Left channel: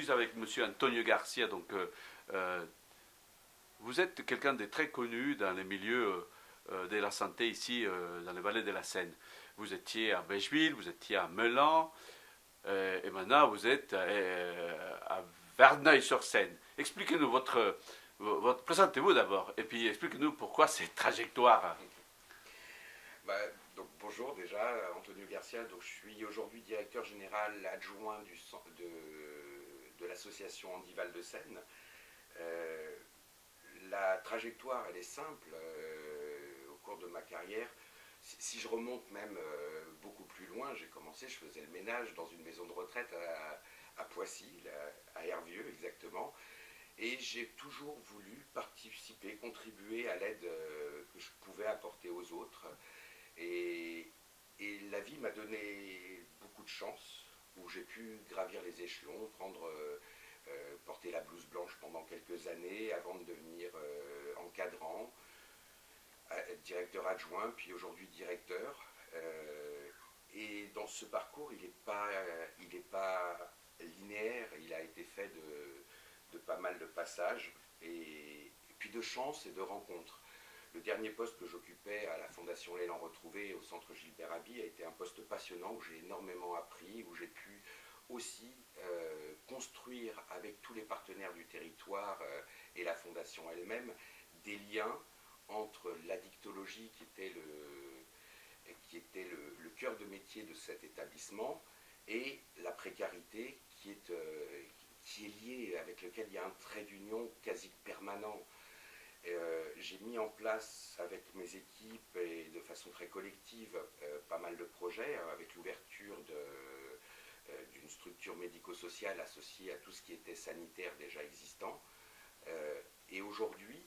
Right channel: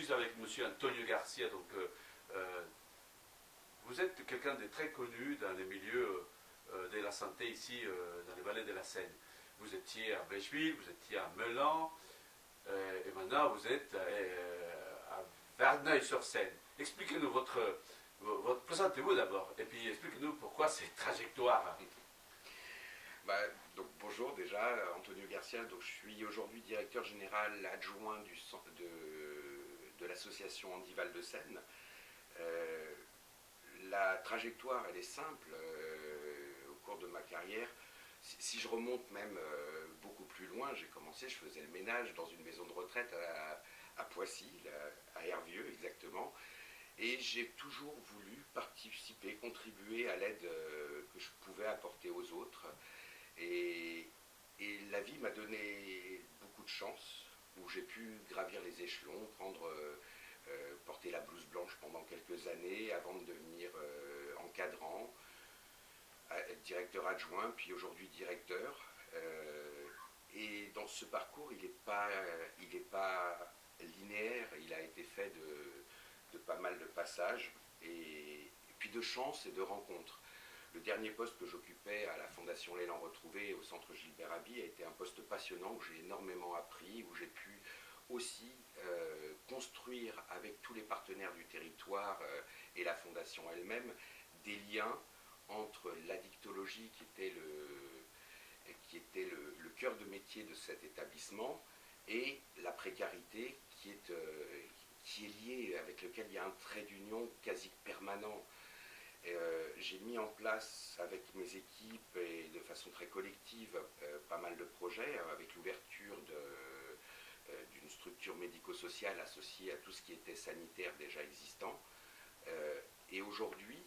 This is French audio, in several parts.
suis avec M. Antonio Garcia. Donc, vous êtes quelqu'un de très connu dans les milieux de la santé ici, dans les vallées de la Seine. Vous étiez à Bècheville, vous étiez à Meulan, et maintenant vous êtes à Verneuil-sur-Seine. Expliquez-nous présentez-vous d'abord, et puis expliquez-nous pourquoi cette trajectoire. Donc bonjour déjà, Antonio Garcia. Donc je suis aujourd'hui directeur général adjoint de l'association Handi Val-de-Seine. La trajectoire, elle est simple. Au cours de ma carrière, si je remonte même beaucoup plus loin, j'ai commencé, je faisais le ménage dans une maison de retraite à Poissy, à Hervieux exactement. Et j'ai toujours voulu participer, contribuer à l'aide que je pouvais apporter aux autres. Et la vie m'a donné beaucoup de chance, où j'ai pu gravir les échelons, porter la blouse blanche pendant quelques années, avant de devenir encadrant, être directeur adjoint, puis aujourd'hui directeur. Et dans ce parcours, il n'est pas linéaire, il a été fait de pas mal de passages, et puis de chance et de rencontres. Le dernier poste que j'occupais à la Fondation L'Élan Retrouvé, au centre Gilbert Haby, a été un poste passionnant où j'ai énormément appris, où j'ai pu aussi construire avec tous les partenaires du territoire et la Fondation elle-même des liens entre l'addictologie qui était le cœur de métier de cet établissement et la précarité qui est liée, avec lequel il y a un trait d'union quasi permanent. J'ai mis en place avec mes équipes et de façon très collective pas mal de projets avec l'ouverture d'une structure médico-sociale associée à tout ce qui était sanitaire déjà existant. Et aujourd'hui,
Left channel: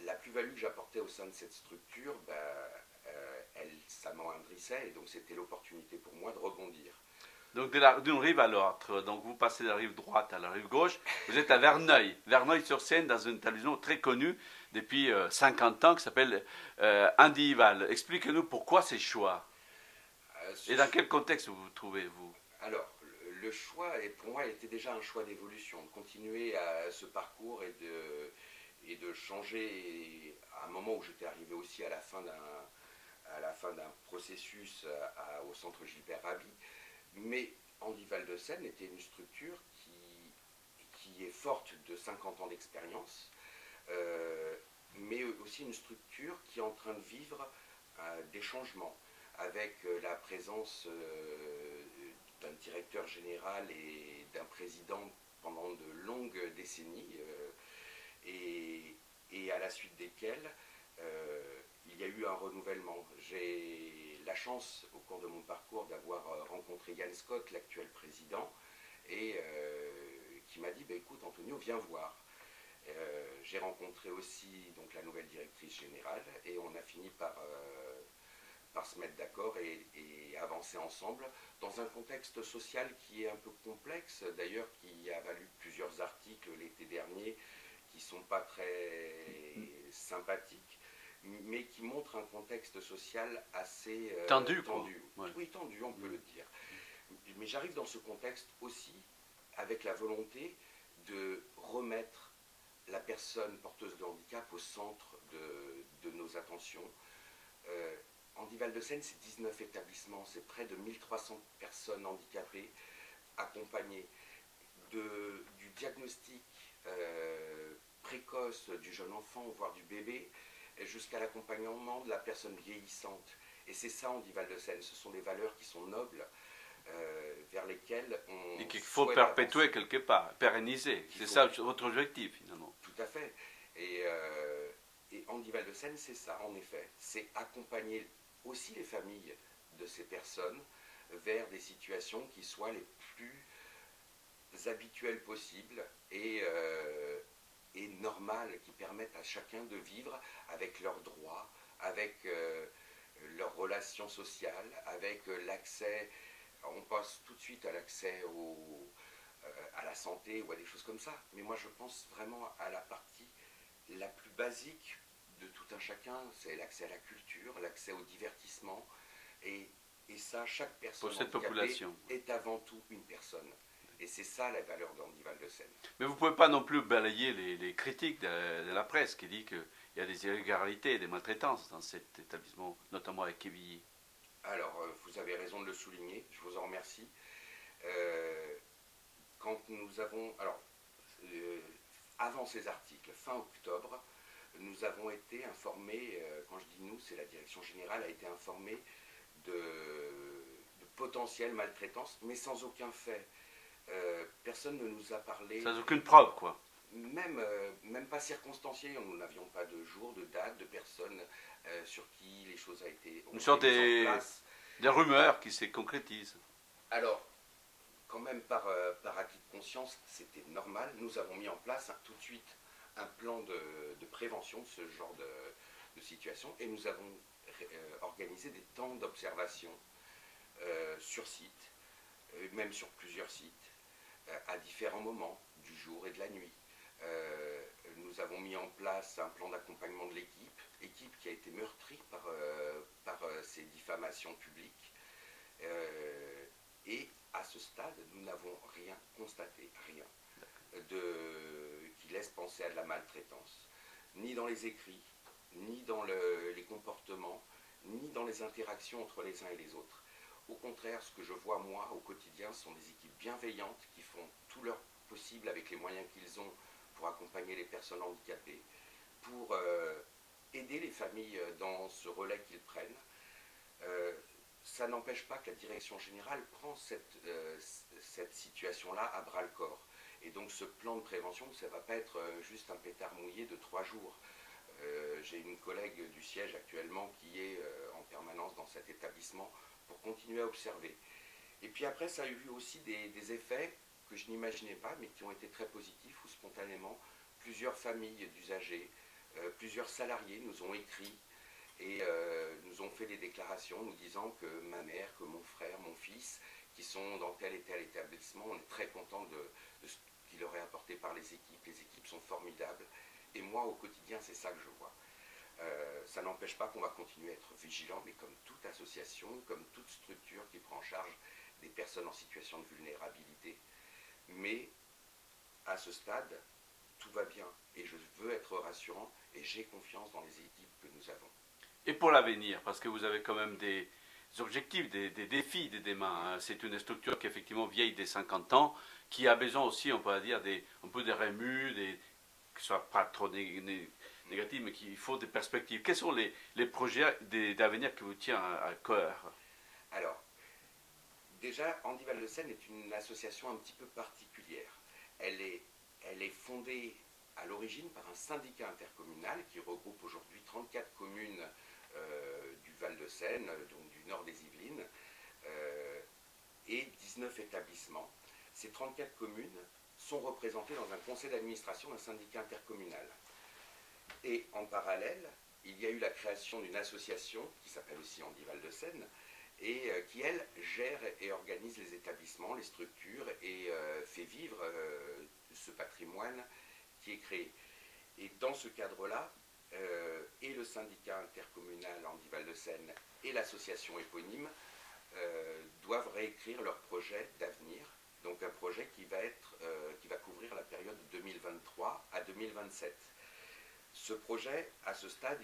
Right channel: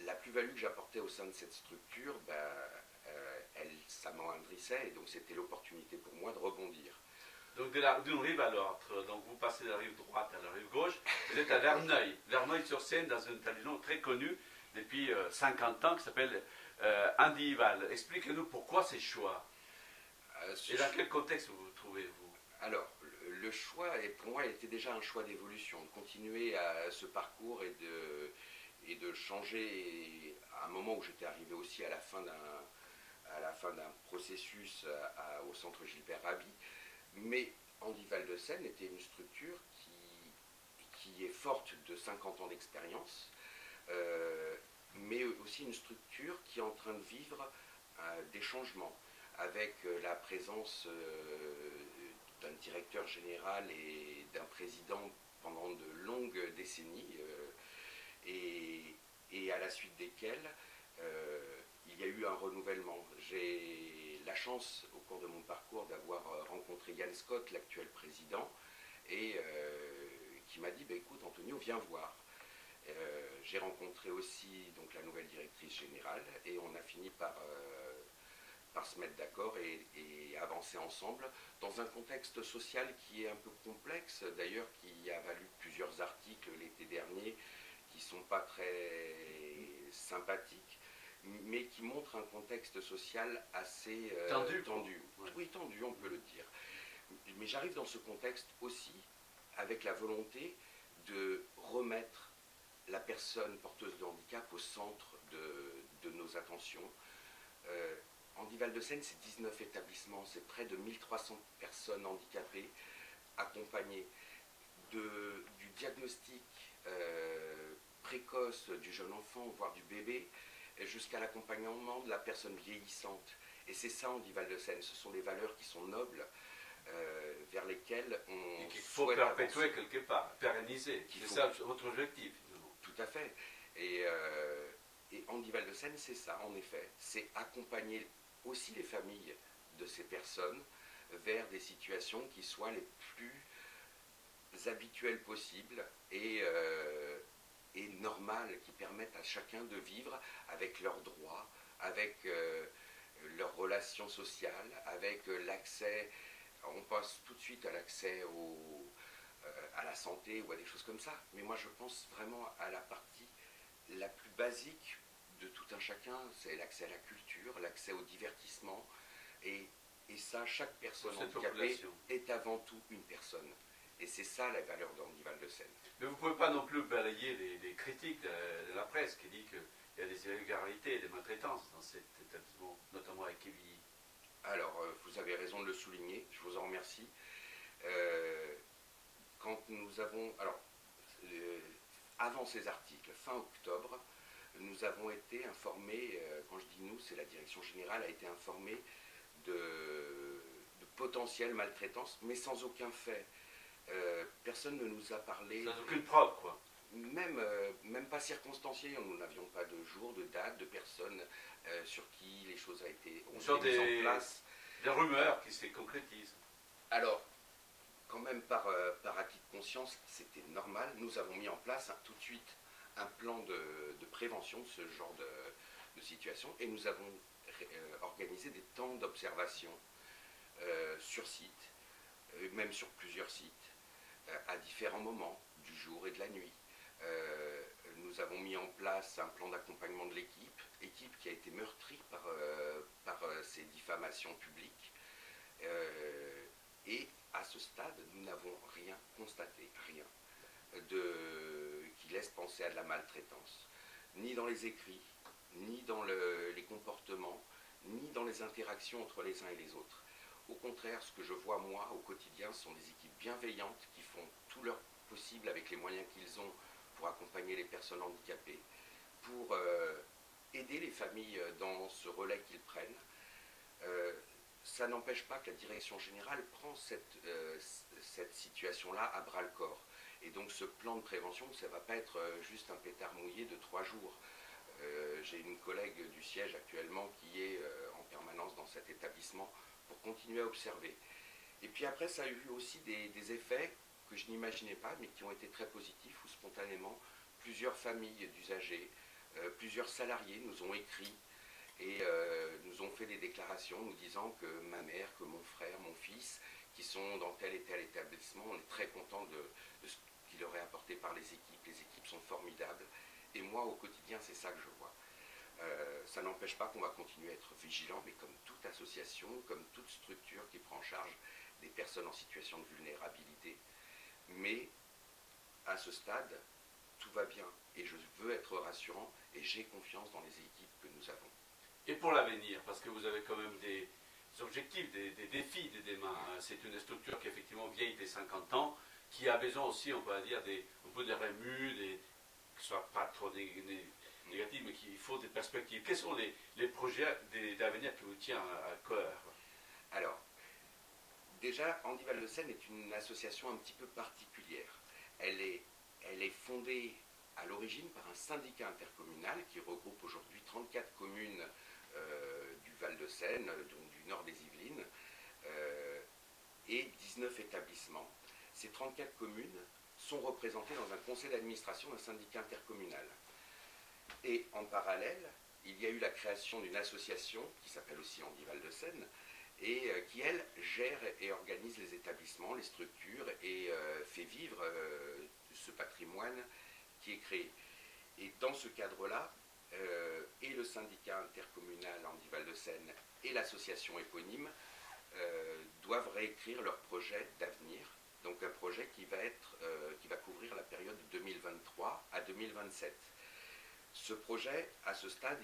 la plus-value que j'apportais au sein de cette structure, ça m'endrissait, et donc c'était l'opportunité pour moi de rebondir. Donc d'une rive à l'autre, donc vous passez de la rive droite à la rive gauche, vous êtes à Verneuil-sur-Seine, dans un établissement très connu depuis 50 ans qui s'appelle Handi Val. Expliquez-nous pourquoi ces choix et dans quel contexte vous vous trouvez, vous? Alors, le choix, pour moi, était déjà un choix d'évolution, de continuer à ce parcours et de changer à un moment où j'étais arrivé aussi à la fin d'un processus au centre Gilbert Haby. Mais Handi Val-de-Seine était une structure qui est forte de 50 ans d'expérience, mais aussi une structure qui est en train de vivre des changements, avec la présence d'un directeur général et d'un président pendant de longues décennies, et à la suite desquelles il y a eu un renouvellement. J'ai la chance, au cours de mon parcours, d'avoir rencontré Yann Scott, l'actuel président, et qui m'a dit écoute Antonio, viens voir. J'ai rencontré aussi donc la nouvelle directrice générale, et on a fini par se mettre d'accord et avancer ensemble dans un contexte social qui est un peu complexe, d'ailleurs, qui a valu plusieurs articles l'été dernier qui ne sont pas très sympathiques, mais qui montrent un contexte social assez tendu. Ouais. Oui, tendu, on peut le dire. Mais j'arrive dans ce contexte aussi avec la volonté de remettre la personne porteuse de handicap au centre de nos attentions. Handi Val-de-Seine, c'est 19 établissements, c'est près de 1300 personnes handicapées accompagnées du diagnostic précoce du jeune enfant, voire du bébé, jusqu'à l'accompagnement de la personne vieillissante. Et c'est ça Handi Val-de-Seine, ce sont des valeurs qui sont nobles, vers lesquelles on et qu'il faut perpétuer avancer. Quelque part, pérenniser. C'est ça votre objectif finalement. Tout à fait. Et Handi Val-de-Seine, c'est ça en effet. C'est accompagner aussi les familles de ces personnes vers des situations qui soient les plus habituelles possibles et normales, qui permettent à chacun de vivre avec leurs droits, avec leurs relations sociales, avec l'accès. On passe tout de suite à l'accès à la santé ou à des choses comme ça, mais moi je pense vraiment à la partie la plus basique de tout un chacun, c'est l'accès à la culture, l'accès au divertissement, et ça, chaque personne handicapée est avant tout une personne. Et c'est ça la valeur d'Andy Val-de-Seine. Mais vous ne pouvez pas non plus balayer les critiques de la presse qui dit qu'il y a des irrégularités et des maltraitances dans cet établissement, notamment à Quevilly. Alors, vous avez raison de le souligner, je vous en remercie. Euh, Quand nous avons... Alors, avant ces articles, fin octobre, nous avons été informés, quand je dis nous, c'est la direction générale, a été informée de potentielles maltraitances, mais sans aucun fait. Personne ne nous a parlé... Sans aucune preuve, quoi. Même pas circonstancié, nous n'avions pas de jour, de date, de personnes sur qui les choses ont été mises en place. Des rumeurs qui se concrétisent. Alors, quand même par acquis de conscience, c'était normal. Nous avons mis en place tout de suite un plan de prévention de ce genre de situation et nous avons organisé des temps d'observation sur site, même sur plusieurs sites, à différents moments du jour et de la nuit. Nous avons mis en place un plan d'accompagnement de équipe qui a été meurtrie par ces diffamations publiques. Et à ce stade, nous n'avons rien constaté, rien, qui laisse penser à de la maltraitance, ni dans les écrits, ni dans les comportements, ni dans les interactions entre les uns et les autres. Au contraire, ce que je vois moi au quotidien sont des équipes bienveillantes qui font tout leur possible avec les moyens qu'ils ont pour accompagner les personnes handicapées, pour aider les familles dans ce relais qu'ils prennent. Ça n'empêche pas que la direction générale prend cette situation-là à bras-le-corps. Et donc ce plan de prévention, ça ne va pas être juste un pétard mouillé de 3 jours. J'ai une collègue du siège actuellement qui est en permanence dans cet établissement pour continuer à observer. Et puis après, ça a eu aussi des effets que je n'imaginais pas, mais qui ont été très positifs, où spontanément, plusieurs familles d'usagers, plusieurs salariés nous ont écrit et nous ont fait des déclarations nous disant que ma mère, que mon frère, mon fils, qui sont dans tel et tel établissement, on est très content de ce qu'il leur est apporté par les équipes sont formidables, et moi au quotidien c'est ça que je vois. Ça n'empêche pas qu'on va continuer à être vigilant, mais comme toute association, comme toute structure qui prend en charge des personnes en situation de vulnérabilité. Mais à ce stade, tout va bien, et je veux être rassurant, et j'ai confiance dans les équipes que nous avons. Et pour l'avenir, parce que vous avez quand même des objectifs, des défis des mains. Hein. C'est une structure qui est effectivement vieille des 50 ans, qui a besoin aussi, on peut dire, un peu des remues, qui ne soient pas trop négatifs, mais qu'il faut des perspectives. Quels sont les projets d'avenir qui vous tiennent à cœur? Alors, déjà, Andy Val-de-Seine est une association un petit peu particulière. Elle est fondée à l'origine par un syndicat intercommunal qui regroupe aujourd'hui 34 communes du Val-de-Seine, donc du nord des Yvelines, et 19 établissements. Ces 34 communes sont représentées dans un conseil d'administration d'un syndicat intercommunal. Et en parallèle, il y a eu la création d'une association qui s'appelle aussi Andy Val-de-Seine et qui, elle, gère et organise les établissements, les structures et fait vivre ce patrimoine qui est créé. Et dans ce cadre-là, et le syndicat intercommunal Andy Val-de-Seine et l'association éponyme doivent réécrire leur projet d'avenir, donc un projet qui va couvrir la période de 2023 à 2027. Ce projet, à ce stade,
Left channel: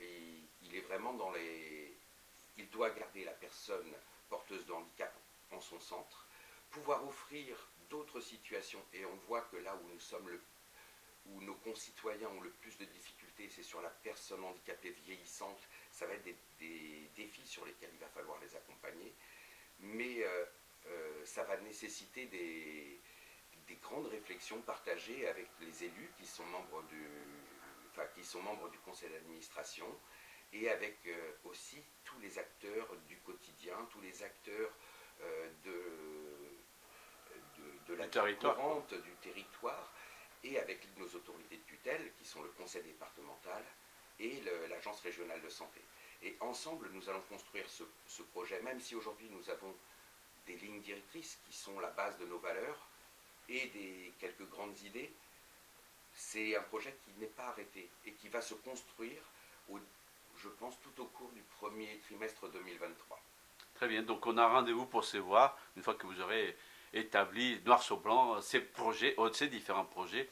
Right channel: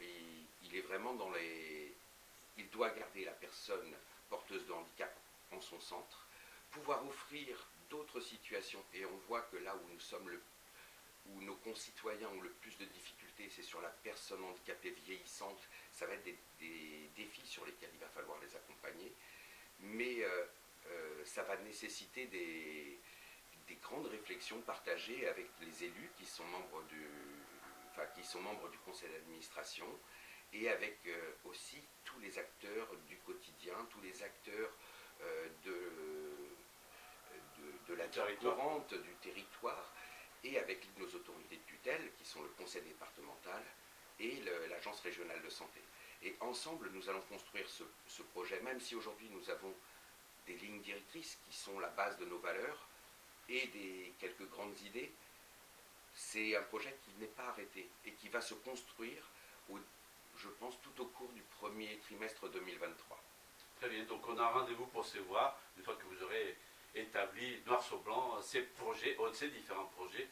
il est vraiment dans les... Il doit garder la personne porteuse de handicap en son centre, pouvoir offrir d'autres situations, et on voit que là où où nos concitoyens ont le plus de difficultés, c'est sur la personne handicapée vieillissante. Ça va être des défis sur lesquels il va falloir les accompagner, mais ça va nécessiter des grandes réflexions partagées avec les élus qui sont membres du conseil d'administration, et avec aussi tous les acteurs du quotidien, tous les acteurs de la vie courante du territoire, et avec nos autorités de tutelle, qui sont le conseil départemental et l'agence régionale de santé. Et ensemble, nous allons construire ce projet, même si aujourd'hui nous avons des lignes directrices qui sont la base de nos valeurs et quelques grandes idées. C'est un projet qui n'est pas arrêté et qui va se construire, je pense, tout au cours du premier trimestre 2023. Très bien, donc on a rendez-vous pour se voir une fois que vous aurez établi noir sur blanc ces projets, ces différents projets.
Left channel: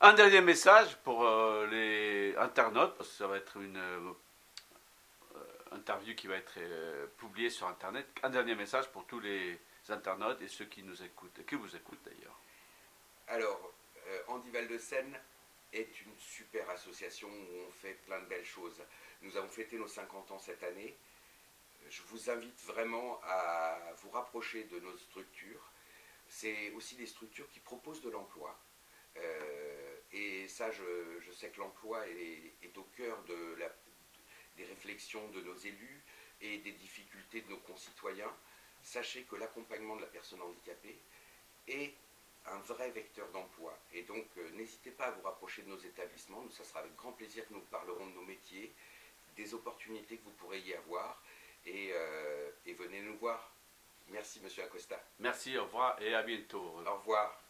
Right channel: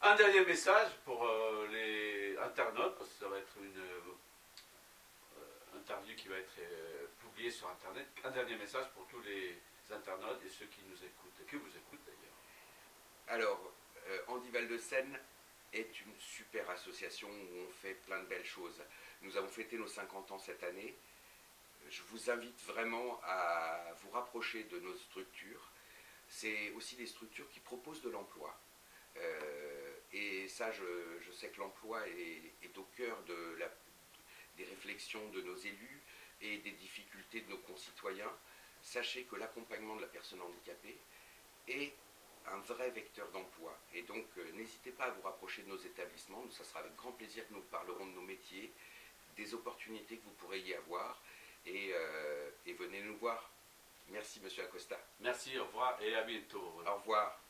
Un dernier message pour les internautes, parce que ça va être une interview qui va être publiée sur Internet. Un dernier message pour tous les internautes et ceux qui nous écoutent, qui vous écoutent d'ailleurs. Alors, Handi Val de Seine est une super association où on fait plein de belles choses. Nous avons fêté nos 50 ans cette année. Je vous invite vraiment à vous rapprocher de nos structures. C'est aussi des structures qui proposent de l'emploi. Et ça, je sais que l'emploi est au cœur des réflexions de nos élus et des difficultés de nos concitoyens. Sachez que l'accompagnement de la personne handicapée est un vrai vecteur d'emploi. Et donc, n'hésitez pas à vous rapprocher de nos établissements. Ça sera avec grand plaisir que nous parlerons de nos métiers, des opportunités que vous pourrez y avoir. Et venez nous voir. Merci, Monsieur Acosta. Merci, au revoir et à bientôt. Au revoir.